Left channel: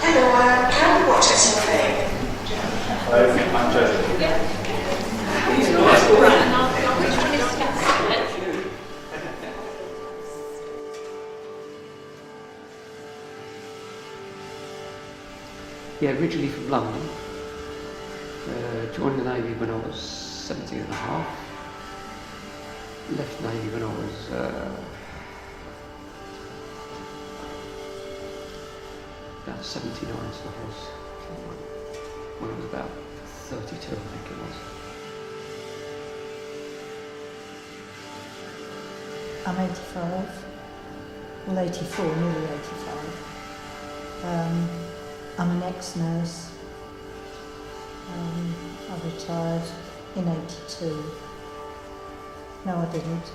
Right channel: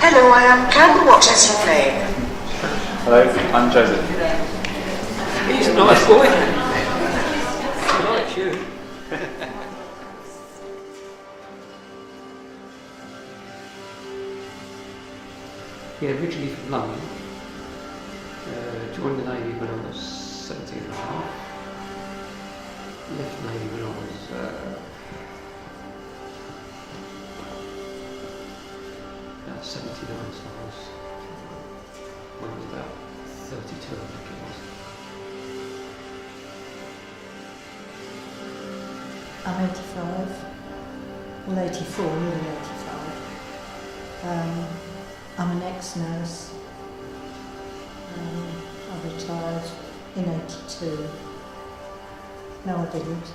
Hello, I am Ken. What is your name? Hello, I'm Joseph. He's a nice boy. Yeah, originally from London. Joined the Navy when I was 17 and a half. Left the Navy when I was about 79, so when I was about 32, I think it was. I'm 85, well 84, nearly 85. I'm an ex-nurse. I retired in 82. No, I didn't.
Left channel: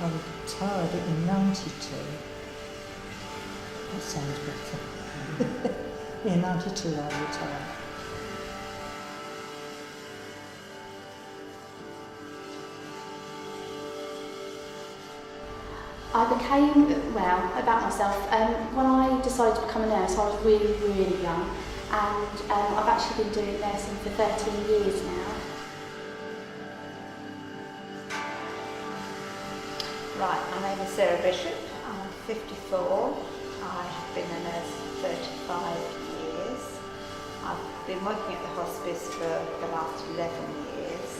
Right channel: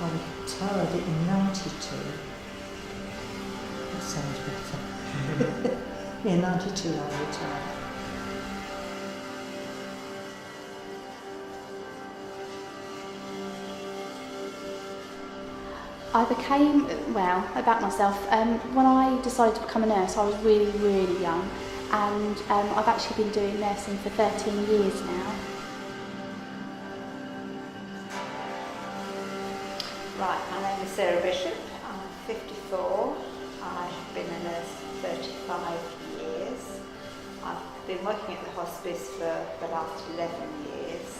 I retired in 92. That sounds better. In 92 I retired. I became, well, about myself, when I decided to become a nurse I was really, really young, and I've actually been doing nursing for 13 years now. Right, my name is Sarah Bishop, I'm 54, I have been a nurse for 35 years. I've been working at the hospice for the last 11 years.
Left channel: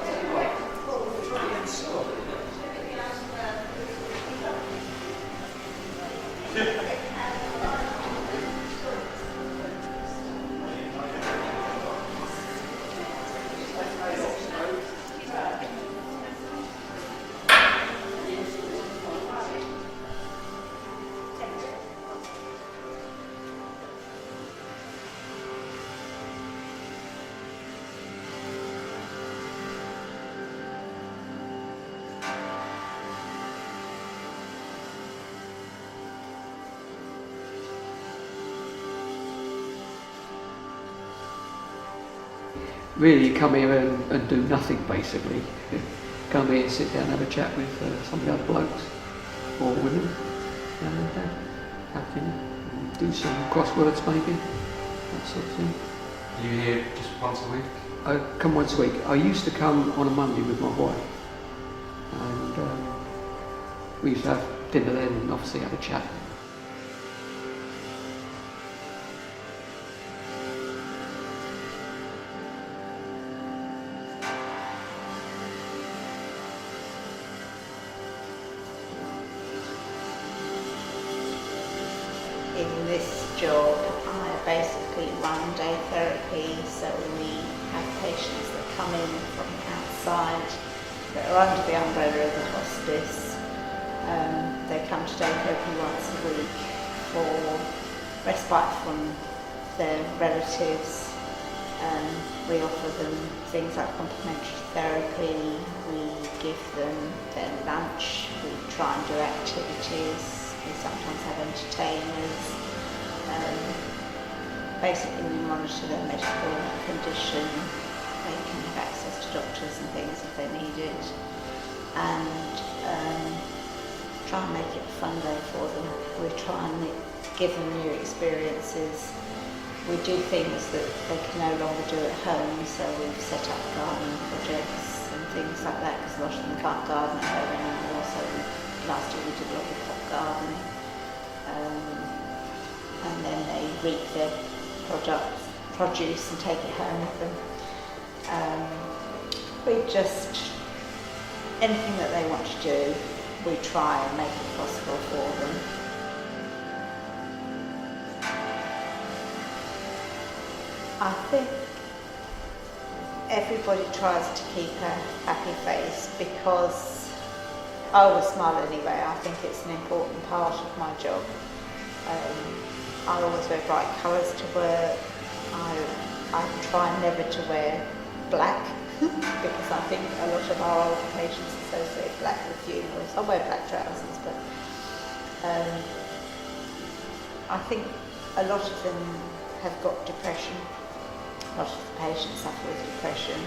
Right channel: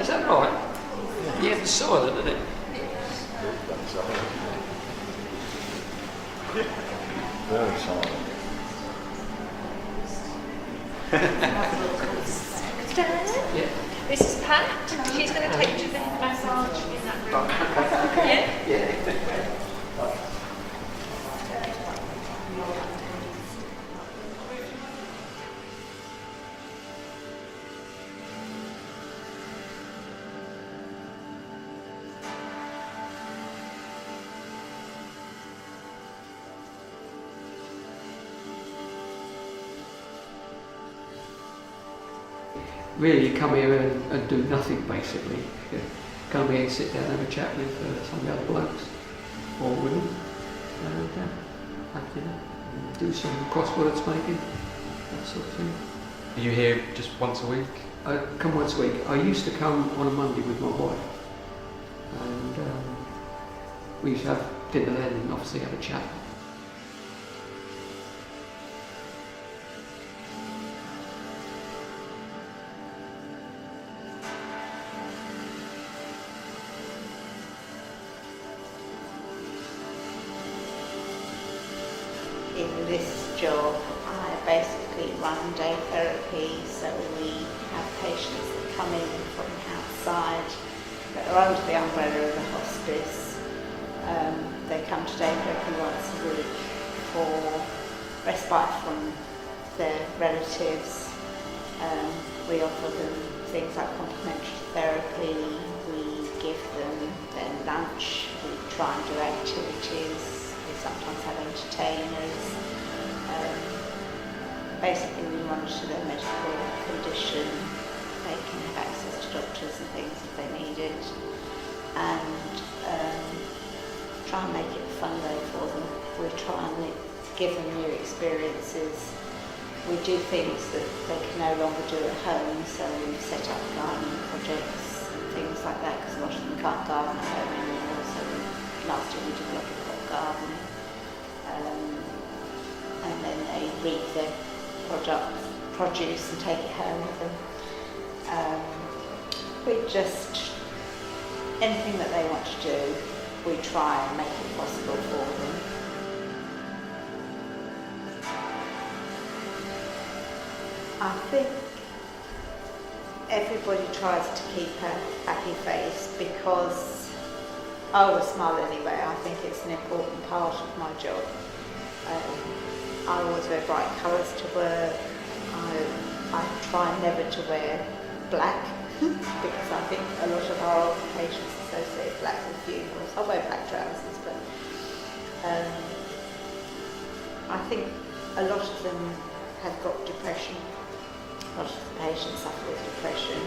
Is that right? Yeah, it's silent, isn't it? This is Pat. She's going to take you to the massage. Yeah? Really, you come here and do nothing basically. Come here, sit down, have a chat with some of the other blokes or women, and have dinner, and do some crosswords maybe, that sort of thing. Are you here just once a week? I come once a week. I used to come on a Monday with my wife, and we used to have dinner then and obviously have a chat. In this job, I basically run day therapy, so we have patients that come in from outside that are under the umbrella of the hospice. They come to day therapy once a week for respite from their relatives. We offer them things like complementary therapy, we give them their lunch, we try and do activities. We sometimes have entertainers. Basically we monitor their medical condition. They can have access to doctors and things if they need it. And try and make it a fun day for them. We try and give them new experiences. We do things that they can no longer do at home, so we've set up gardening projects and things like that, because a lot of them can't garden at home anymore. So last year we did a lot of pot gardening. and then they reap their produce and take it home with them. Anything that they want to do, we try and make it possible for them. I think everybody tries to keep a happy face because I always smile anyway. I think it's an important part of my job. I always wear bright colours to work. I try never to wear black because I think a lot of our older patients associate black with funerals. I wear black trousers, but I think a lot of them have got depression. A lot of the patients suffer with depression,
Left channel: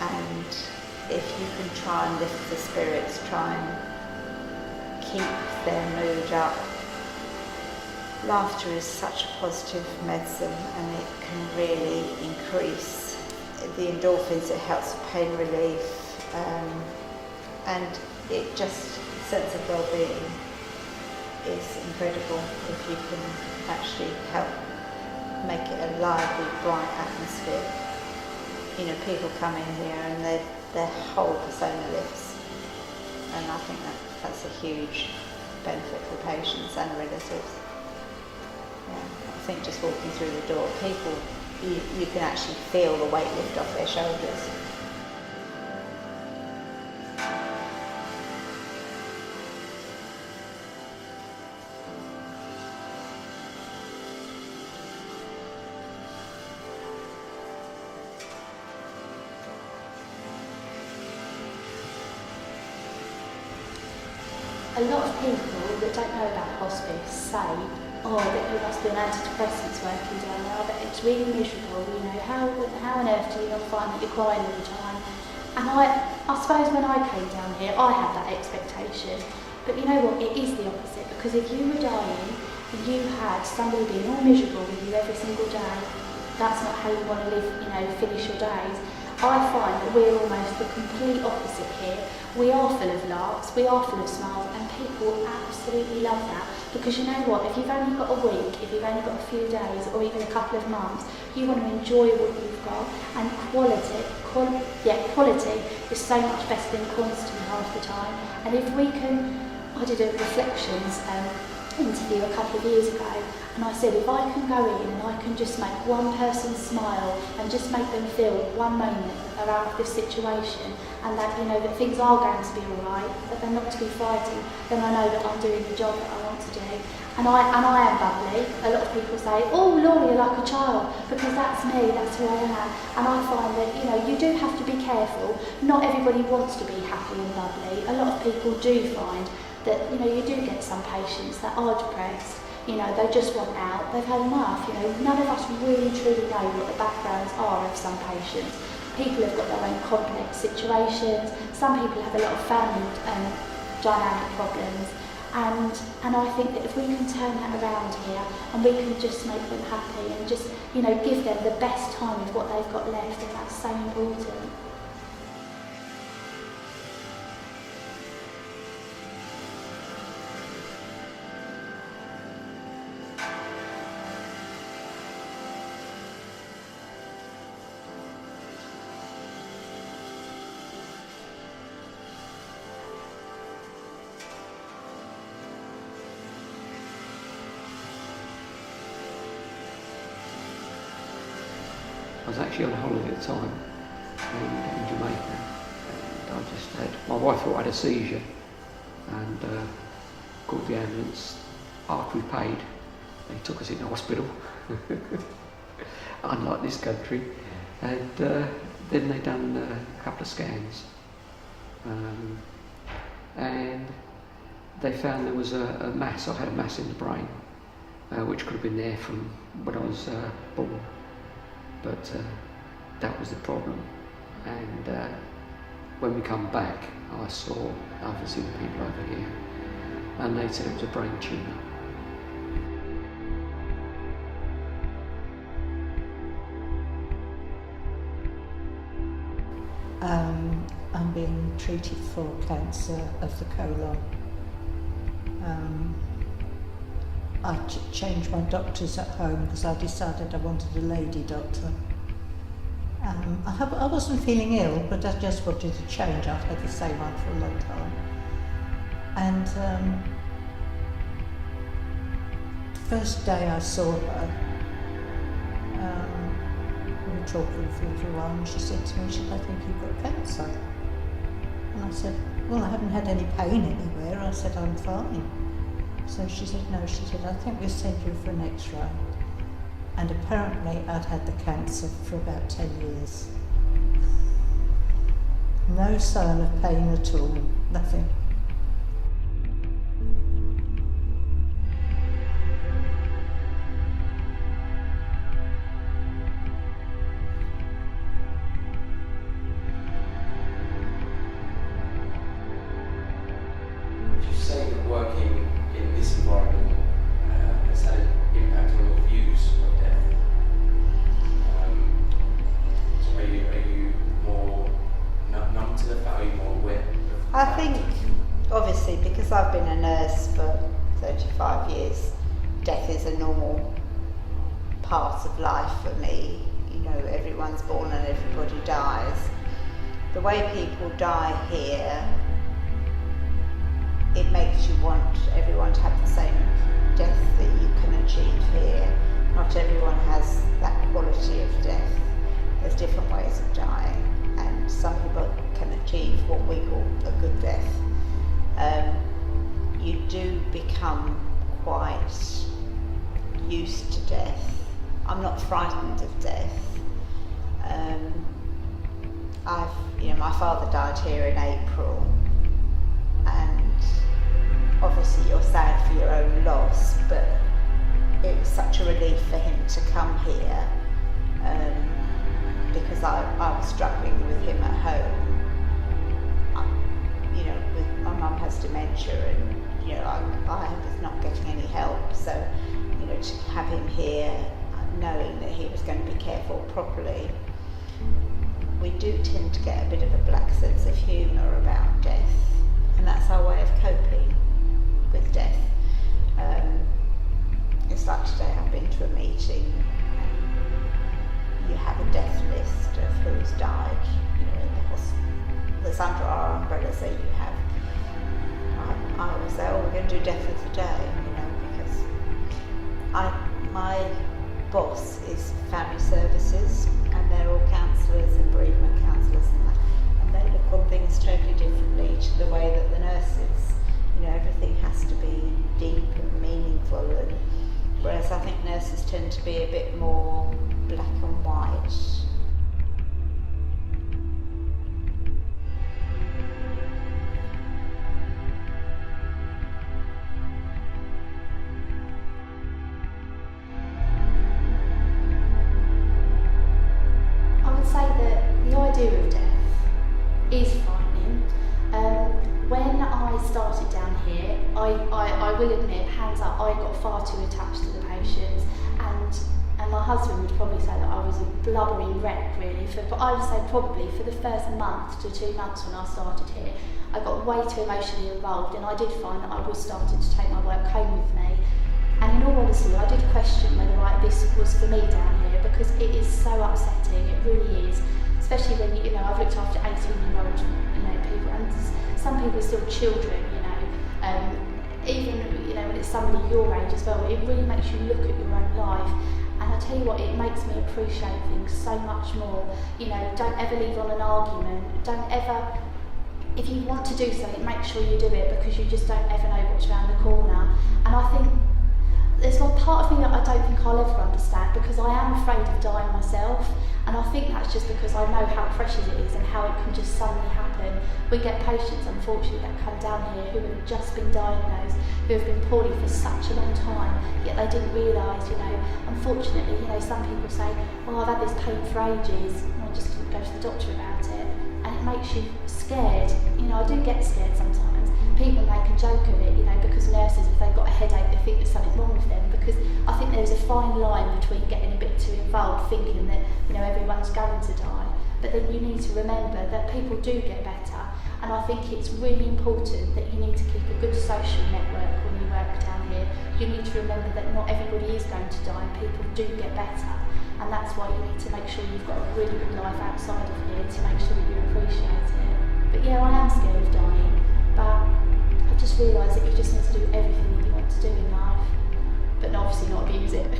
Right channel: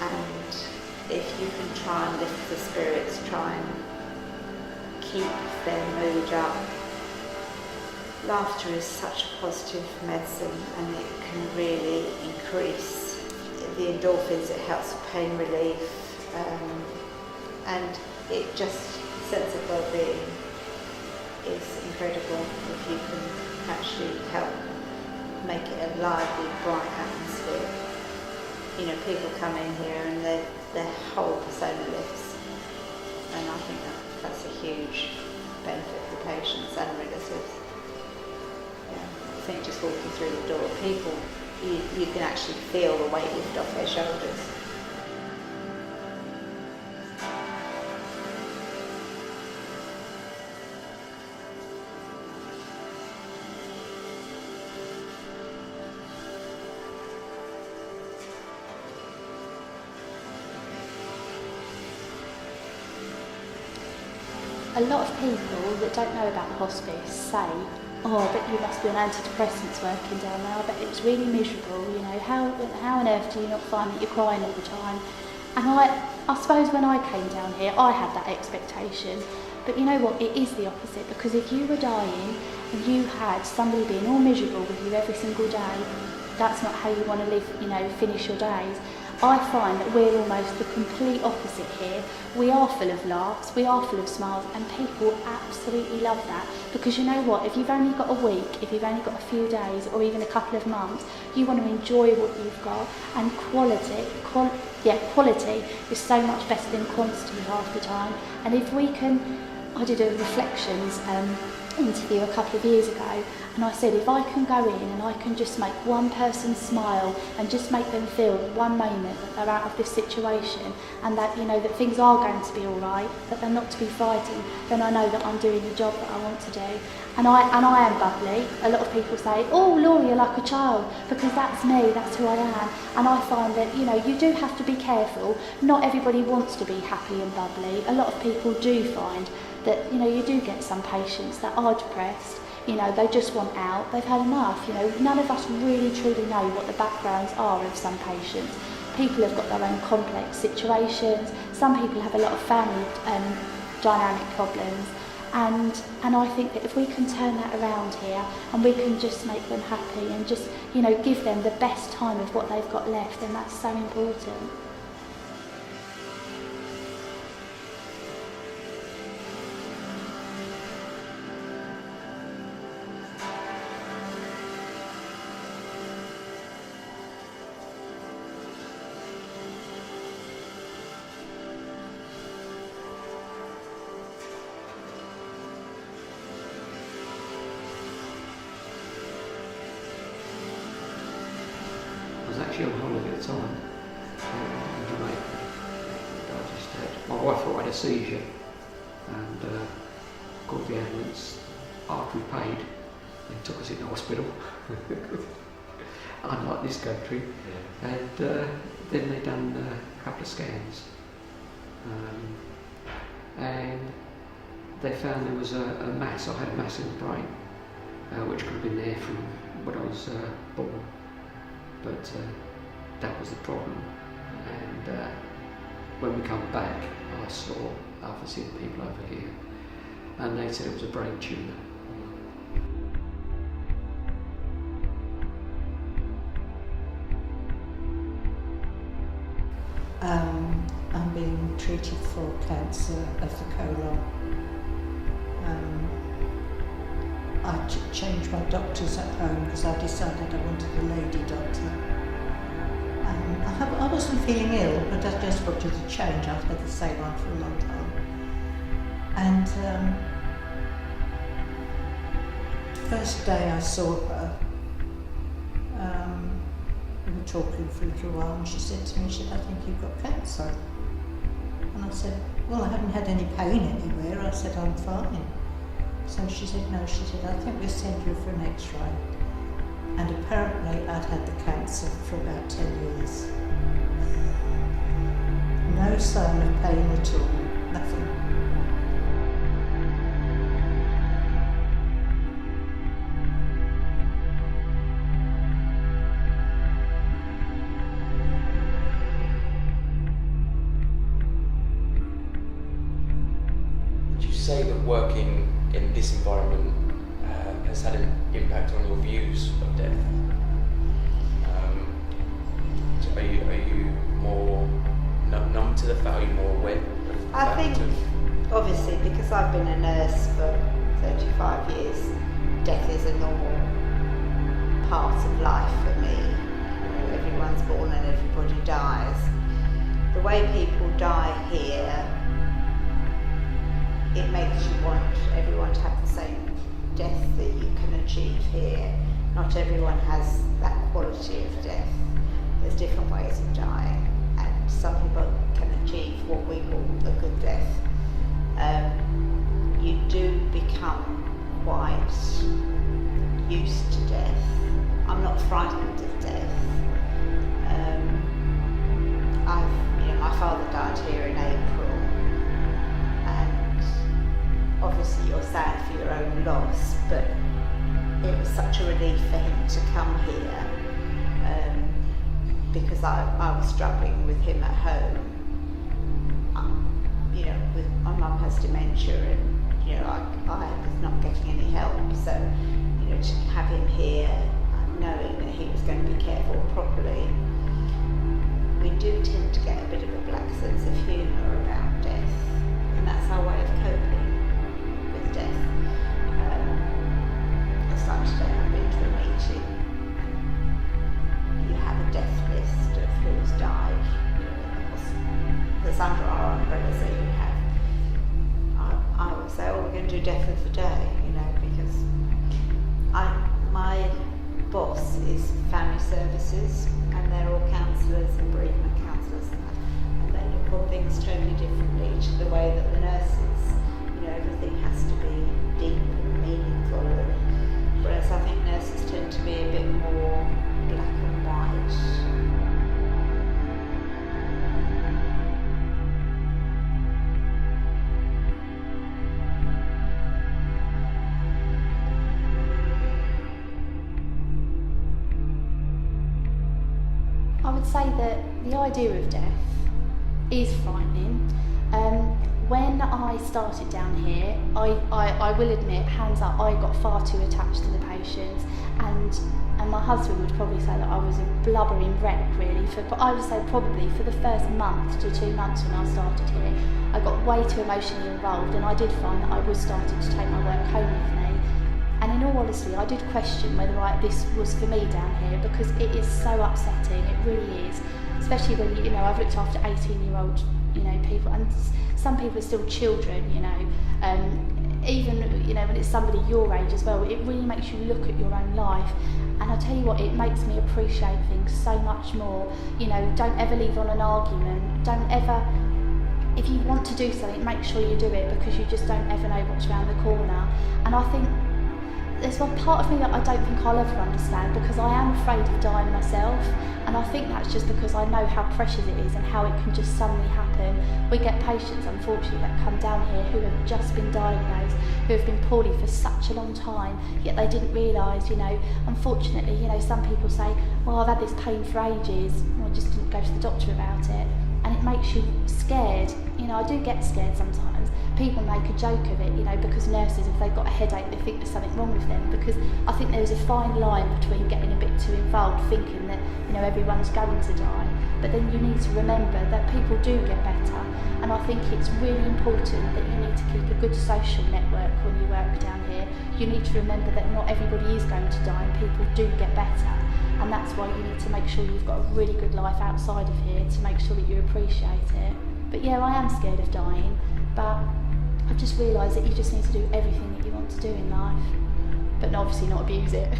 and if you can try and lift the spirits, try and keep their mood up. Laughter is such a positive medicine, and it can really increase the endorphins. It helps with pain relief, and it just, sense of well-being is incredible if you can actually help make it a lively, bright atmosphere. You know, people come in here and their whole persona lifts, and I think that's a huge benefit for patients and relatives. Yeah, I think just walking through the door, people, you can actually feel the weight lift off their shoulders. A lot of people that don't know about hospice say, oh, I bet you must be on antidepressants working down there, I bet it's really miserable, you know, how on earth do you not find that you're crying all the time? And I suppose when I came down here, I had that expectation, but you know what, it is the opposite, because if you were dying and you had somebody being all miserable with you every single day, that's not how you want to live, you know, finish your days. I find that we're almost the complete opposite here. We are full of laughs, we are full of smiles, and people absolutely love that. Because you know what, if you've only got a week, if you've only got a few days, or even a couple of months, you want to enjoy what you've got. And quality is so much better than quantity half the time. And if we can, I did a reflections interview a couple of years ago, and I said if I can go in and I can just make one person smile and just make them feel one moment that they're out of this situation and that, you know, that things are going to be all right, that they're not to be frightened, then I know that I'm doing the job that I want to do. And I am bubbly. A lot of people say, oh Laura, you're like a child, because that's me, that's who I am. And I find that, you know, you do have to be careful. Not everybody wants to be happy and bubbly. A lot of people do find that, you know, you do get some patients that are depressed, you know, they just want out, they've had enough, you know. None of us really truly know what the backgrounds are of some patients. People have got their own complex situations, some people have a lot of family dynamic problems, and I think that if we can turn that around here and we can just make them happy and just, you know, give them the best time of what they've got left, then that's so important. I was actually on holiday at the time in Jamaica, and I just had, my wife thought I had a seizure, and called the ambulance. After we paid, they took us into hospital, unlike this country, and then they done a couple of scans, and they found there was a mass. I had a mass in the brain, which could have been there from when I was born. But that was the problem, and when we come back I saw other seen people over here, and they said it was a brain tumour. I'm being treated for cancer of the colon. I changed my doctors at home because I decided I wanted a lady doctor. I wasn't feeling ill, but I just wanted to change. I've had the same one for a long time. And the first day I saw her, we were talking for a little while, and she said to me, I think you've got cancer. And I said, well, I haven't had any pain anywhere. I said, I'm fine. So she said, no, she said, I think we'll send you for an X-ray. And apparently I'd had the cancer for about 10 years. No sign of pain at all, nothing. Would you say that working in this environment has had an impact on your views of death? So are you more numb to the fact, are you more aware? I think, obviously, because I've been a nurse for 35 years, death is a normal part of life for me. You know, everyone's born and everybody dies. The way people die here, it makes you want everyone to have the same death that you can achieve here. Not everyone has that quality of death. There's different ways of dying, and some people can achieve what we call a good death. You do become quite used to death. I'm not frightened of death. My father died here in April, and obviously you're sad for your own loss, but it was such a relief for him to come here, because I was struggling with him at home. My mum has dementia, and I was not getting any help, so to have him here, knowing that he was going to be cared for properly. We do tend to get a bit of a black sense of humour about death, and that's our way of coping with death. It's like today I've been to a meeting and you have a death list of who's died, in the hospital. That's under our umbrella, so you have. I will say, we're going to do death of the day, because my boss is family services, and they're all counsellors and bereavement counsellors and that, and they look on things totally differently to the way that the nurses. Everything has to be deep and meaningful, and whereas I think nurses tend to be a bit more black and white. I would say that the idea of death is frightening. When I started down here, I will admit, hands up, I got far too attached to the patients, and my husband would probably say that I was a blubbering wreck, really. I would say probably for the first month to 2 months when I started here, I got way too emotionally involved, and I did find that I was starting to take my work home with me. And in all honesty, I did question whether this was for me down here, because it is so upsetting, it really is. Especially when, I've looked after 18-year-old, people, and some people are still children, even, when it's somebody your age as well, it really makes you look at your own life. And I tell you what, it makes me appreciate things so much more. Don't ever leave on an argument, don't ever, if you want to do something, make sure you do it, because you just don't ever know what's around the corner. And I think there's one part of me that I don't think I'll ever understand, because I am afraid of dying myself, and I think that's just because I know how precious it is and how it can just suddenly happen. We get patients, unfortunately, that come down here who have just been diagnosed, who have been poorly for such a long time, yet they didn't realise, unfortunately, some people say, well, I've had this pain for ages, and I just didn't go to the doctor about it, and it makes you scared. I do get scared sometimes, people make a joke of it, you know, because nurses, if they've got a headache, they think there's something wrong with them, because I think there's a fine line between getting a bit too involved, thinking that, you know, everyone's going to die, but then you need to remember that people do get better, and I think it's really important that you need to keep a good social network when you work down here. You need to remember that not everybody is going to die, and people do get better, and that's why you need to make sure you've got a really good life outside of here to make sure that you appreciate it. But yeah, I am scared of dying, but I've just realised that you just need to do everything that you want to do in life, but obviously not abuse it.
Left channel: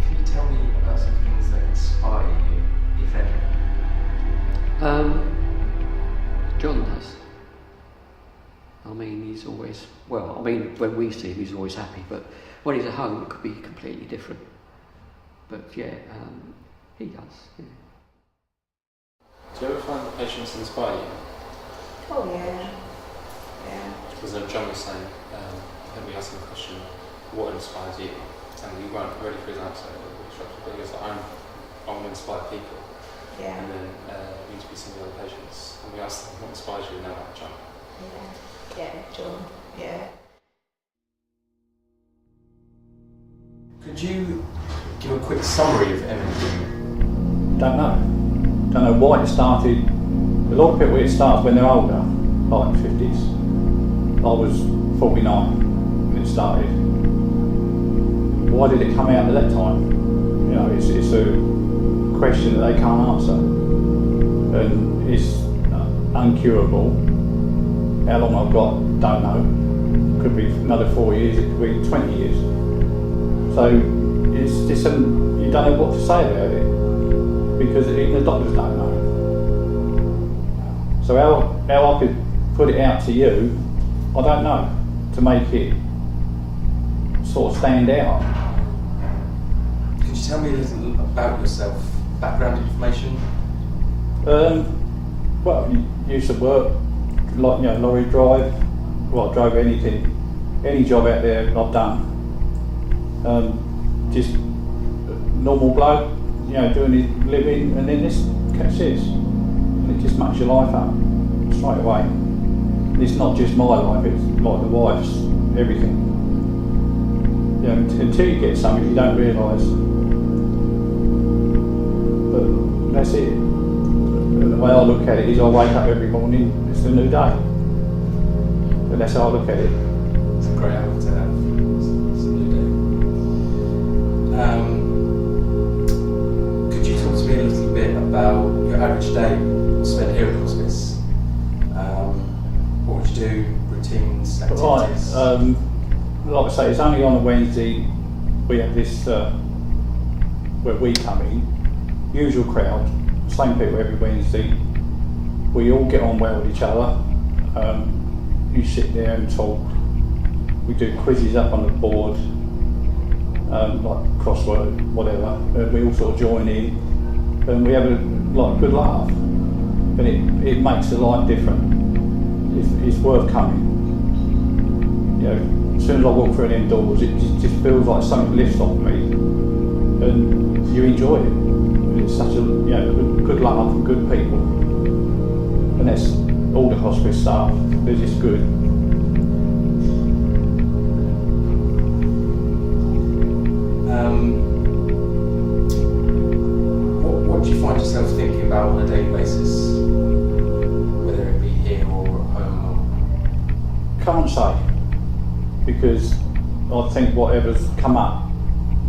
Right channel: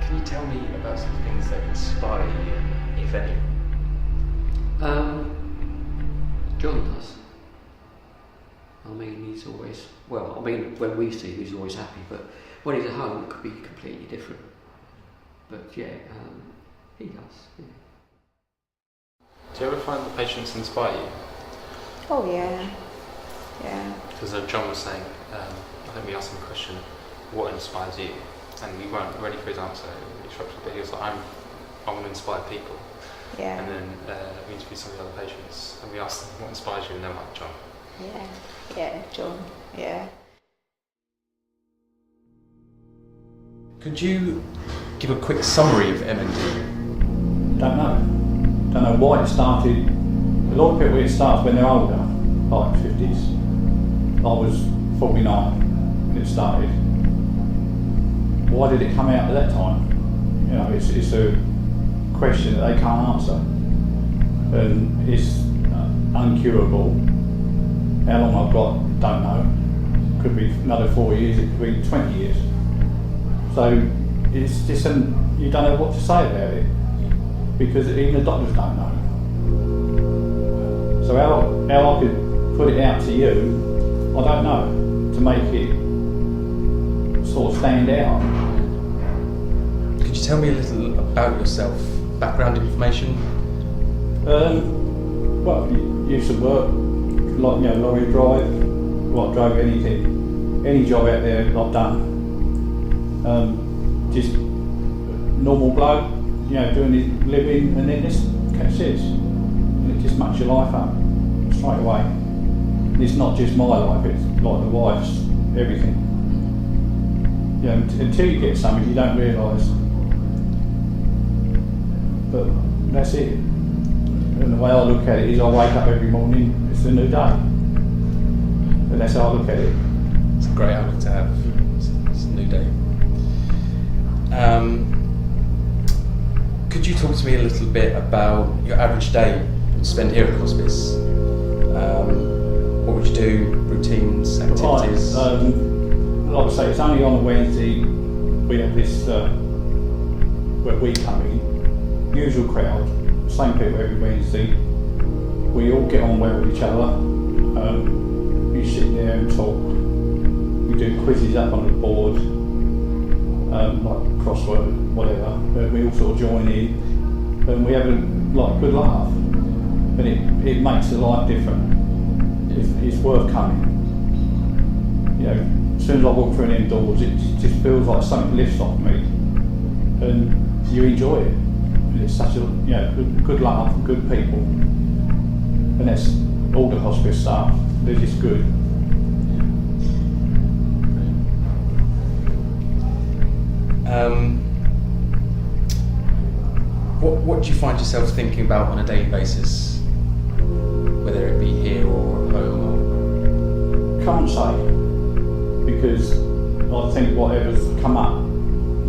Can you tell me about some things that inspire you, if any? John does. I mean, he's always, well, I mean, when we see him, he's always happy, but when he's at home, it could be completely different. But yeah, he does. Yeah. Do you ever find the patients inspire you? Oh yeah, yeah. Because John was saying, let me ask him a question, what inspires you? And we weren't ready for his answer, but he was like, I want to inspire people. Yeah. And then we interviewed some of the other patients, and we asked them, what inspires you? And they're like, John. Yeah, John, yeah. Could you give a quick summary of M&D? Don't know why it started. A lot of people, it starts when they're older, like 50s. I was 49 when it started. Why did it come out at that time? You know, it's a question that they can't answer, and it's uncurable. How long I've got, don't know. Could be another 4 years, it could be 20 years. So it's just you don't know what to say about it, because even the doctors don't know. So how I could put it out to you, I don't know, to make it sort of stand out. Could you tell me a little about yourself, background information? Well, used to work, like, you know, lorry drive. Well, I drove anything, any job out there I've done. Just normal bloke, you know, doing his living, and then this catch this, and it just mucks your life up straight away. And it's not just my life; it's like the wife's, everything. You know, until you get something, you don't realise. But that's it. And the way I look at it is, I wake up every morning, it's a new day. And that's how I look at it. It's a great outlook to have. It's a new day. Could you talk to me a little bit about your average day spent here at hospice? What would you do? Routines, activities? Right, like I say, it's only on a Wednesday we have this where we come in. Usual crowd, same people every Wednesday. We all get on well with each other. You sit there and talk. We do quizzes up on the board, like crossword, whatever. We all sort of join in, and we have a good laugh. And it makes the life different. It's worth coming. You know, as soon as I walk through them doors, it just feels like something lifts off me, and you enjoy it. And it's such a good laugh and good people, and that's all the hospice staff. They're just good. What do you find yourself thinking about on a daily basis, whether it be here or at home? Can't say, because I think whatever's come up,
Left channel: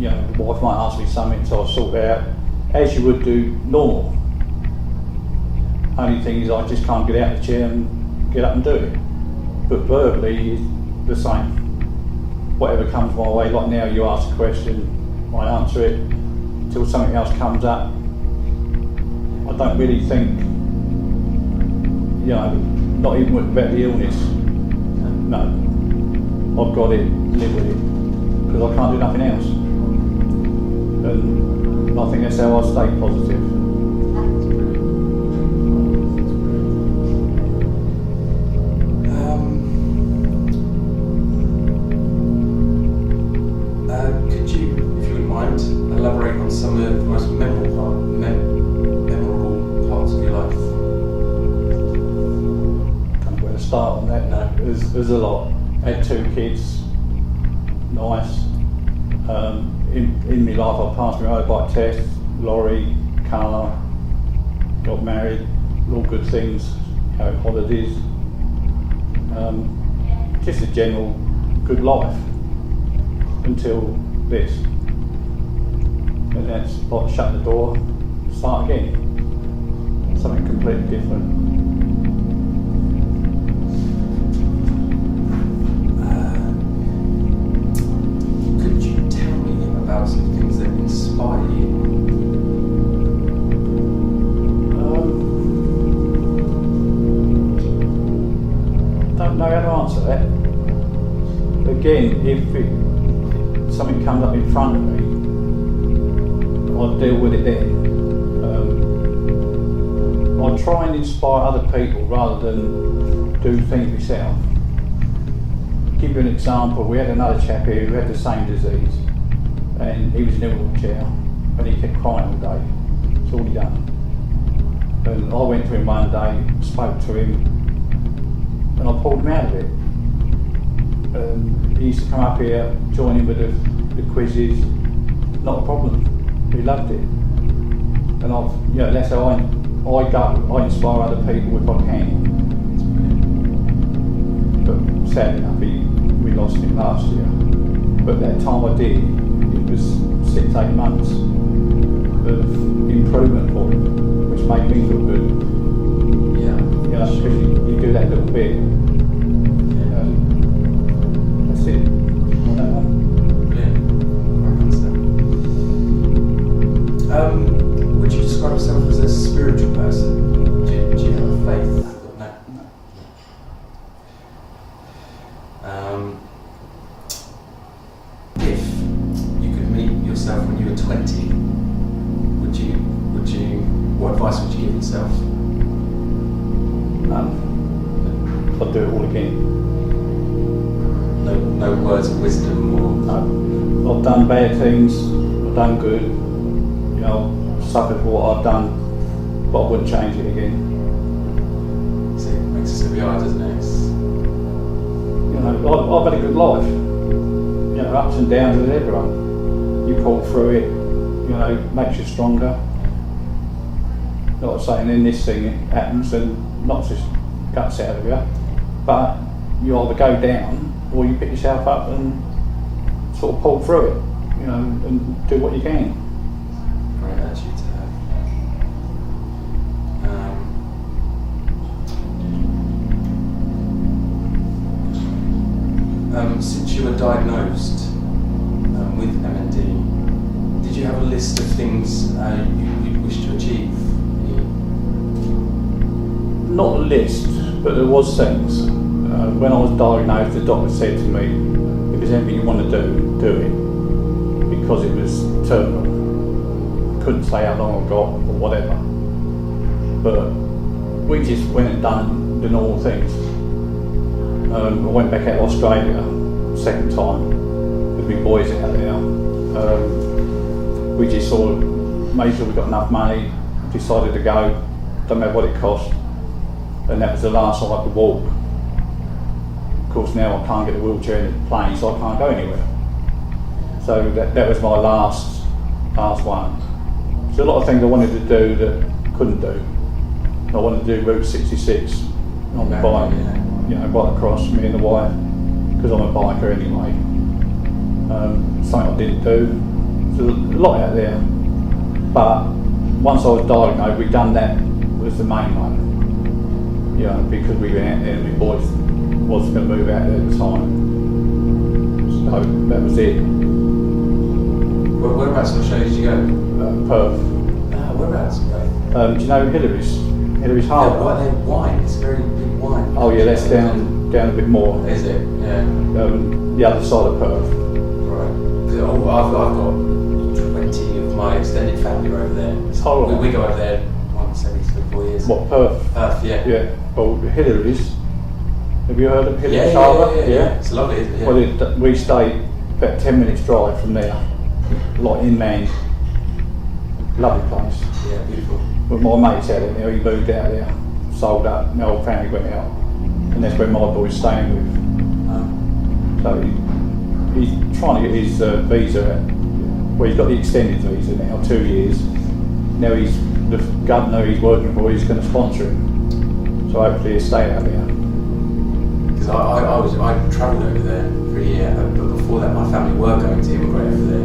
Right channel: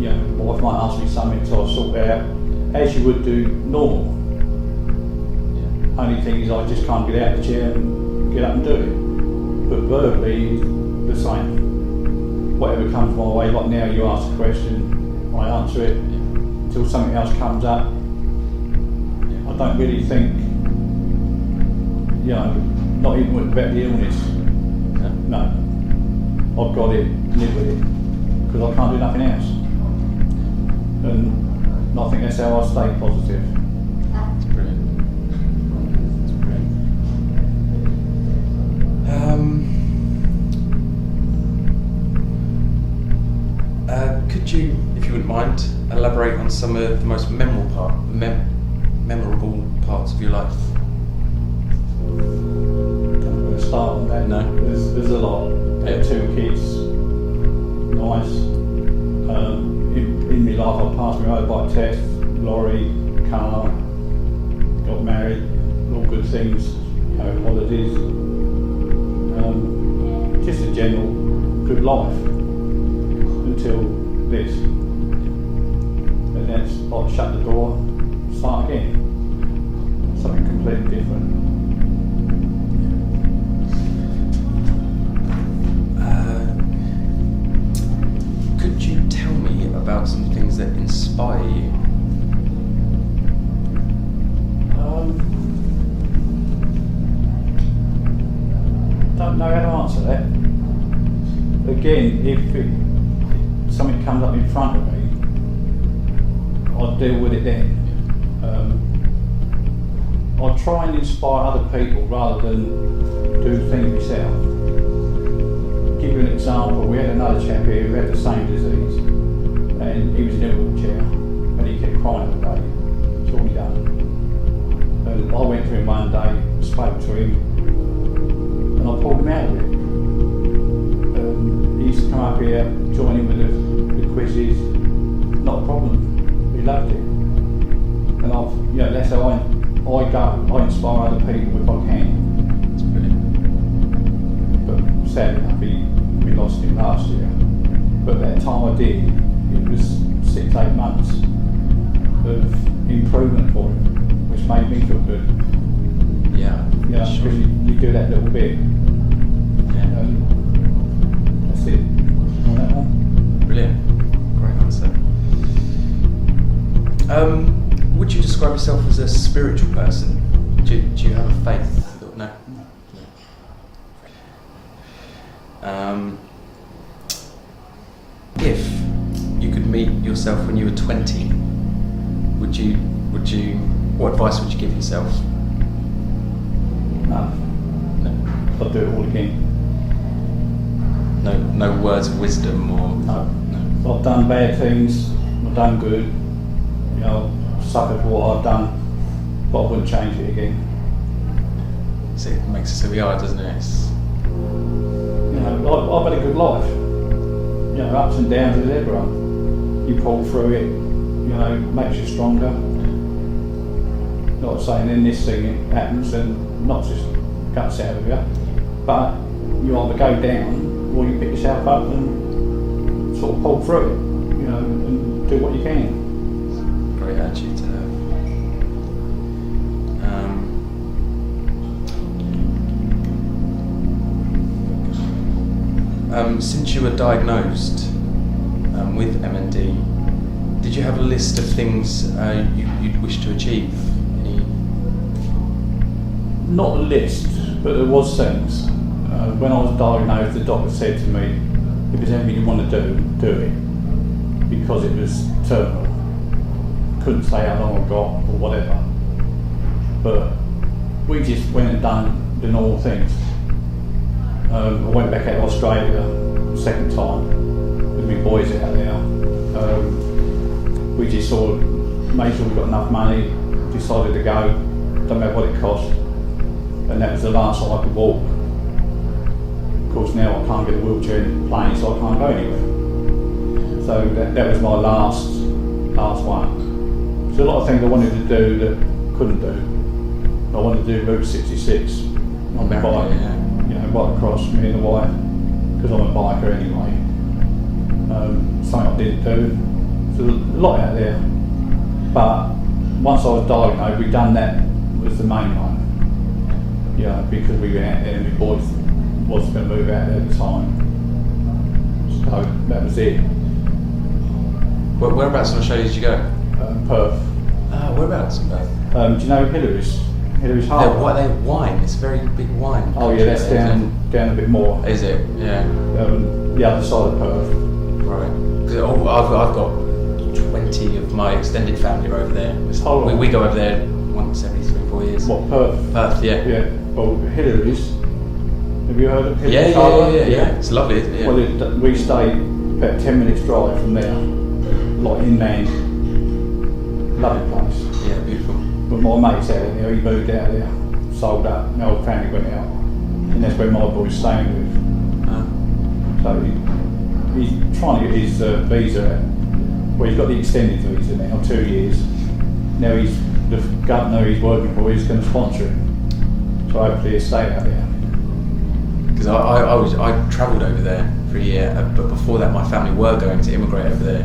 you know, the wife might ask me something, so I sort it out as you would do normal. Only thing is, I just can't get out of the chair and get up and do it. But verbally, the same. Whatever comes my way, like now you ask a question, I answer it till something else comes up. I don't really think, you know, not even about the illness. No, I've got it, live with it, because I can't do nothing else. And I think that's how I stay positive. elaborate on some of the most memorable parts of your life? Don't know where to start on that. No. There's a lot. I had 2 kids. Nice. In my life, I passed my motorbike test, lorry, car, got married, all good things, you know, holidays. Just a general good life until this. And that's like shut the door, start again. Something completely different. Could you tell me about some things that inspire you? Don't know how to answer that. Again, if something comes up in front of me, I'll deal with it then. I'll try and inspire other people rather than do things myself. Give you an example, we had another chap here who had the same disease and he was in a wheelchair and he kept crying all day. That's all he done. And I went to him one day, spoke to him and I pulled him out of it. He used to come up here, join in with the quizzes, not a problem. He loved it. And that's how I inspire other people if I can. But sadly enough, we lost him last year. But that time I did, it was 6-8 months of improvement for him, which made me feel good. Yeah. Yeah, because you do that little bit. Yeah. That's it. On that one. Brilliant. Great answer. Would you describe yourself as a spiritual person? Do you have a faith? No. If you could meet yourself when you were 20, what advice would you give yourself? None. I'd do it all again. No words of wisdom or... No. I've done bad things, I've done good, you know, suffered for what I've done, but I wouldn't change it again. So it makes us who we are, doesn't it? You know, I've had a good life. You know, ups and downs with everyone. You pull through it, you know, makes you stronger. Not saying in this thing it happens and knocks just guts out of you, but you either go down or you pick yourself up and sort of pull through it, you know, and do what you can. Great attitude to have. Since you were diagnosed with MND, did you have a list of things you'd wish to achieve? Not a list, but there was things. When I was diagnosed, the doctor said to me, if there's anything you want to do it. Because it was terminal. Couldn't say how long I got or whatever. But we just went and done the normal things. I went back out to Australia the second time with my boys out there. We just sort of made sure we got enough money, decided to go, don't matter what it cost. And that was the last time I could walk. Of course now I can't get a wheelchair in the plane, so I can't go anywhere. So that was my last one. There's a lot of things I wanted to do that couldn't do. I wanted to do Route 66 on the bike, you know, right across, me and the wife, because I'm a biker anyway. Something I didn't do. There's a lot out there. But once I was diagnosed, we'd done that was the main one. You know, because we went out there and my boys was going to move out there at the time. So that was it. Well, whereabouts in Australia did you go? Perth. Whereabouts? Do you know Hillary's Harbour? They're wine. It's a very big wine. Oh yeah, that's down a bit more. Is it? Yeah. The other side of Perth. Right. I've got 20 of my extended family over there. How long? We go over there once every 3-4 years. What, Perth? Perth, yeah. Yeah. Well, Hillary's. Have you heard of Hillary's Yeah. Harbour? It's lovely, isn't it? Yeah. Well, we stayed about 10 minutes drive from there, like inland. Lovely place. Yeah, beautiful. But my mate's out there, he moved out there, sold up, my whole family went out, and that's where my boy's staying with. So he's trying to get his visa, well, he's got the extended visa now, 2 years. Now the governor he's working for is going to sponsor him, so hopefully he'll stay out there. Because I travelled over there for a year, but before that my family were going to immigrate over there.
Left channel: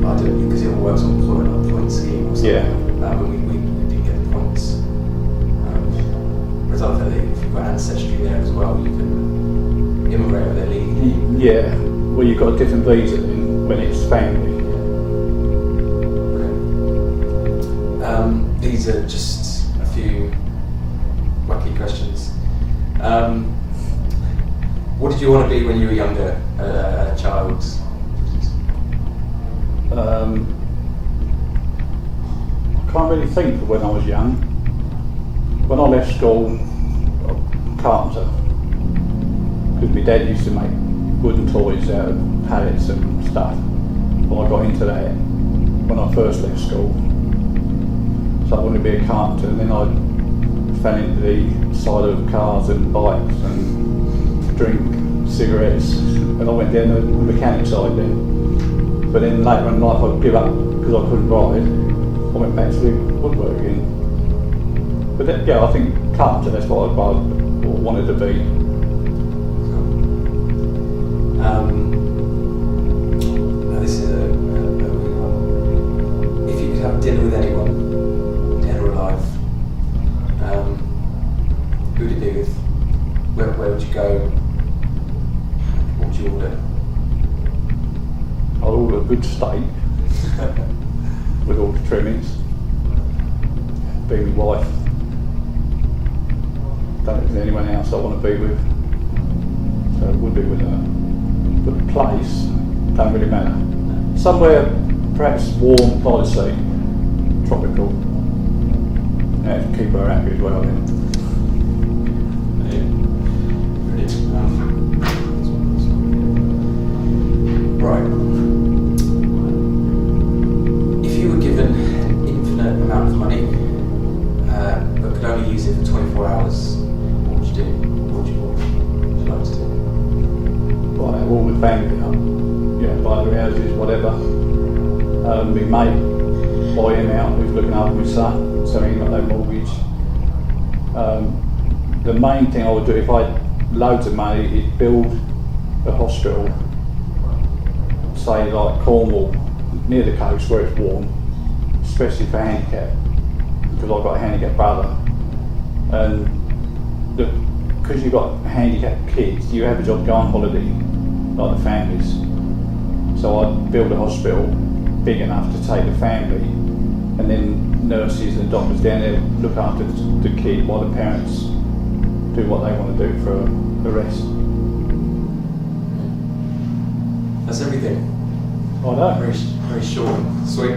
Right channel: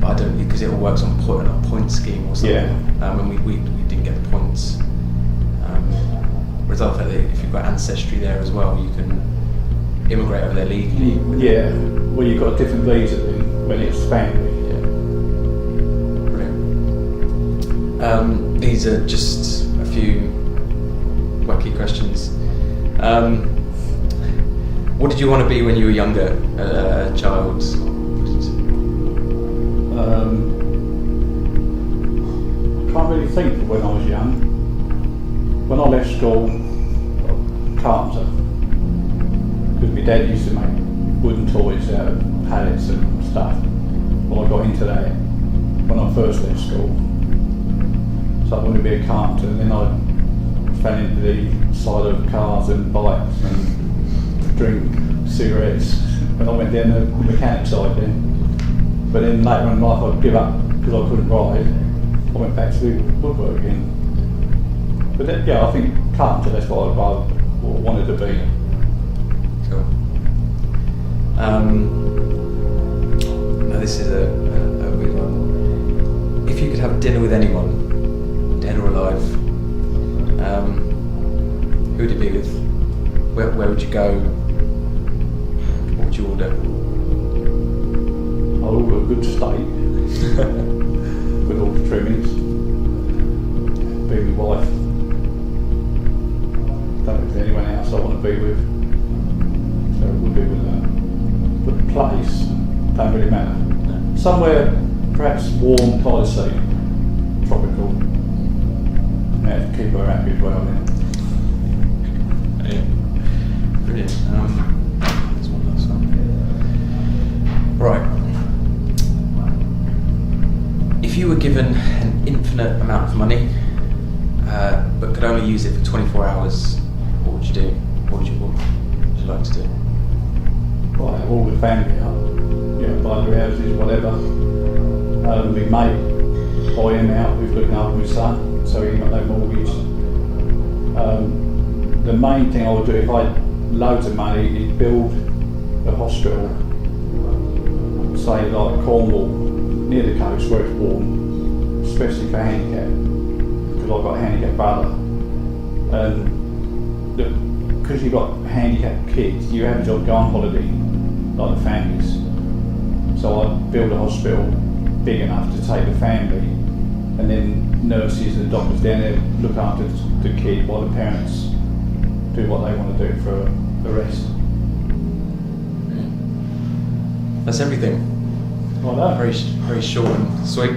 But I didn't, because it all works on a point scheme or something. Yeah. And we didn't get the points. Whereas I felt that if you've got ancestry there as well, you can immigrate over there legally. Yeah, well you've got a different visa then when it's family. Brilliant. These are just a few wacky questions. What did you want to be when you were younger, child? I can't really think of when I was young. When I left school, carpenter, because my dad used to make wooden toys out of pallets and stuff. Well, I got into that when I first left school. So I wanted to be a carpenter, and then I fell into the side of cars and bikes and drink cigarettes, and I went down the mechanic side then. But then later in life I'd give up because I couldn't ride. I went back to woodwork again. But that, yeah, I think carpenter, that's what I wanted to be. Cool. Now this is a weird one. If you could have dinner with anyone, dead or alive, who would it be with? Where would you go? What would you order? I'll order a good steak with all the trimmings. Be my wife. Don't know if there's anyone else I want to be with. So it would be with her. But the place, don't really matter. Somewhere perhaps warm, by the sea, tropical. Yeah, to keep her happy as well then. Brilliant. Right. If you were given an infinite amount of money, but could only use it for 24 hours, what would you do? What would you like to do? Well, I have all the family up, you know, buy their houses, whatever. My mate, buy him out, who's looking after my son, so he got no mortgage. The main thing I would do if I had loads of money is build a hospital, say like Cornwall, near the coast where it's warm, especially for handicapped, because I've got a handicapped brother. And because you've got handicapped kids, you have a job, go on holiday, like the families. So I'd build a hospital big enough to take the family, and then nurses and doctors down there look after the kid while the parents do what they want to do for the rest. That's everything. I know. Very short and sweet.